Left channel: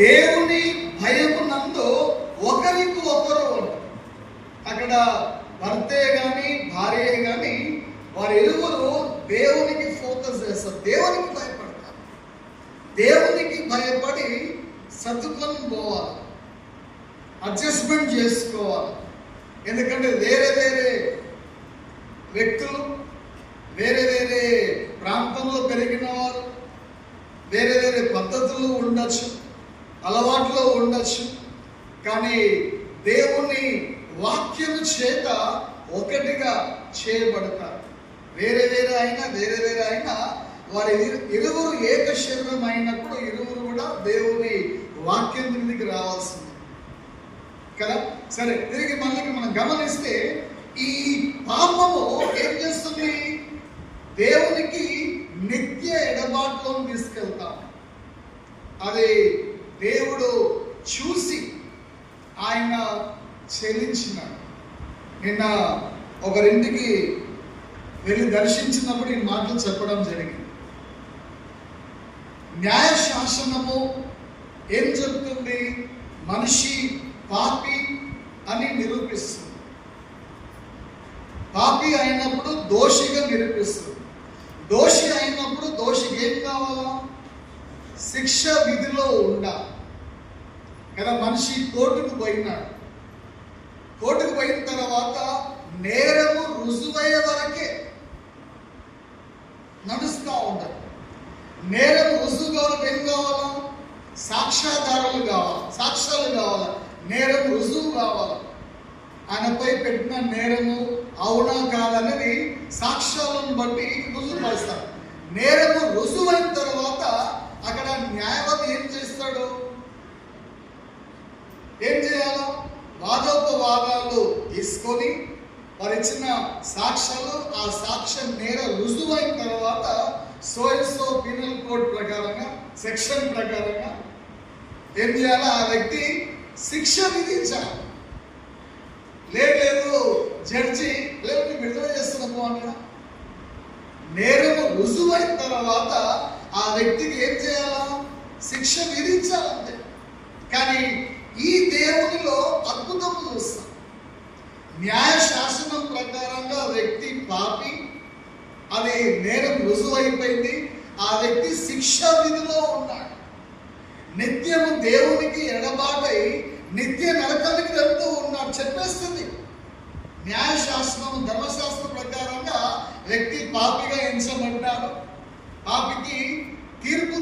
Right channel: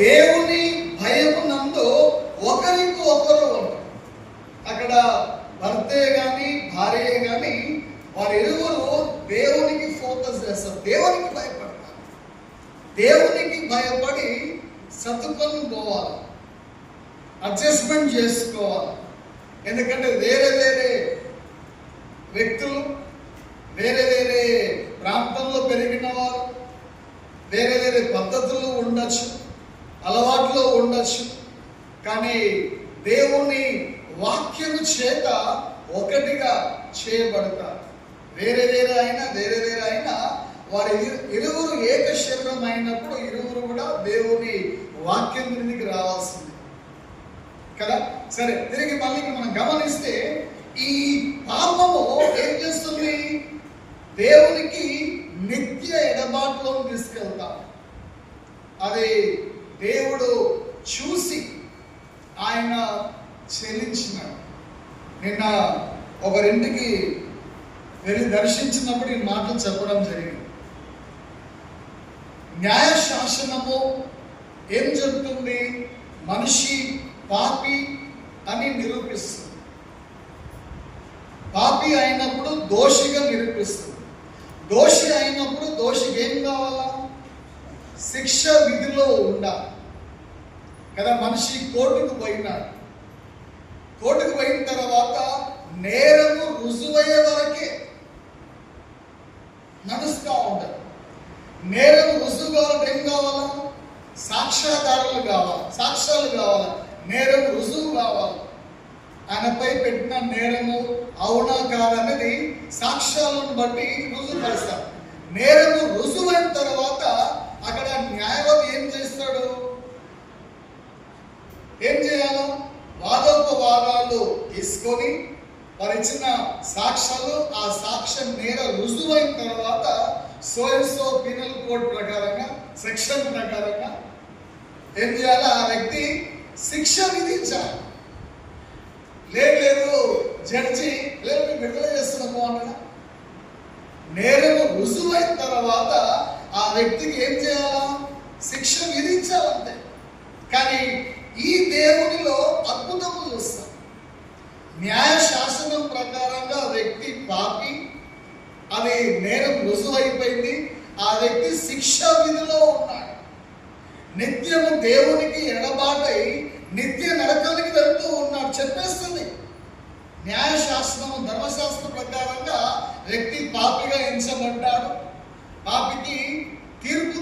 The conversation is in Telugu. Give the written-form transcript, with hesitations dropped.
దేవుని భయమునందు ఒకరికి ఒకరు, అక్కడ భర్తే గాని భార్య గాని వారి ఇరువురు దేవునికి ఫోకస్ చేస్తారు, దేవునికి భయపడతారు. దేవునికి భయపడి సర్దుకొని పోవాలి, అడ్జస్ట్మెంట్ చేసుకోవాలి. ఎందుకంటే వేరే వేరే వ్యక్తులు, వేరే వేరే ప్రాంతంలో పెరిగిన వారు, వేరే వేరే పద్ధతులు ఉండొచ్చు, అలవాట్లు ఉండొచ్చు. కానీ దేవుని వాక్యం చేత ఒకటిగా చేయబడతారు. వేరే వేరే అయినా వారి ఇరువురు ఏక శరీరం అయినప్పుడు ఇరువురు కూడా దేవుని వాక్యం మీదకి రావాల్సింది కదా. సరే, తిరిగి మళ్ళీ మనం గమనిస్తే ఈ పాపము ఏం చేస్తుంది? దేవునికి నిత్య ఎడబాటులో తీసుకెళ్తాం. అది దేవుడు చూసి ఆయన చెల్లించినాడు. నిన్న ఒకరింటికి వెళ్ళి దర్శించినప్పుడు ఈ మాటలు చెప్పడం జరిగింది. న్యాయశాసనము ఏం చెప్తుంది? మనిషి పాపి అని నిరూపిస్తుంది. పాపి అయినప్పుడు దోషిగా నిరూపిస్తుంది. దోషి అయినప్పుడు దోషికి ఏం కావాలా? శిక్ష విధిలో ఉండాలి కదా. మనిషి కోర్టుకు పోయినాడు. కోర్టుకు పోయిన తర్వాత నేరము రుజువయ్యే వరకే నడుస్తూ ఉండదు. నేరం రుజువు కావాలంటే ఏం కావాలా? సాక్ష్యాధారాలు కావాలి, సాక్ష్యాలు కావాలి, నేరం రుజువు కావాలి. ఆయనపై పెట్టిన నేరము అవునా కాదనేది సాక్ష్యాలను బట్టి రుజువుపరుస్తారు. నేరము రుజువైన తర్వాత అక్కడ న్యాయవాది ఏం చేస్తాడు? ఏం చేయాలో వాదోపవాదాలు తీసుకొని వారు ఇచ్చిన సాక్ష్యాలు, ఆ సాక్ష్యం నేర రుజువైన తర్వాత సో పీనల్ కోడ్ ప్రకారంగా, సెక్షన్ ప్రకారంగా ఏం చేయాలి? ఆ వ్యక్తి శిక్ష విధించాలి. లేదు జడ్జి లేదు విడుదల చేస్తున్నాము అన్న. నేరము రుజువైన తర్వాత ఆ వ్యక్తికి ఏం చేయాలా? శిక్ష విధించాలంతే. కానీ ఈ దేవునిలో అద్భుతం చూస్తాం. న్యాయశాసనం ప్రకారంగా వ్యక్తి పాపి, అది నేరం రుజువు అయిపోయింది, ఆ వ్యక్తి శిక్ష విధిలో ఉన్నాడు. నిత్యము దేవునికి ఎడబాటై నిత్య నరకానికి వెళ్తూ ఉన్నాడు. చెప్పేస్తుంది న్యాయశాస్త్రం, ధర్మశాస్త్ర ప్రకారంగా వ్యక్తి పాపిగా ఎంచబడ్డాడు. పాపికి తీర్పు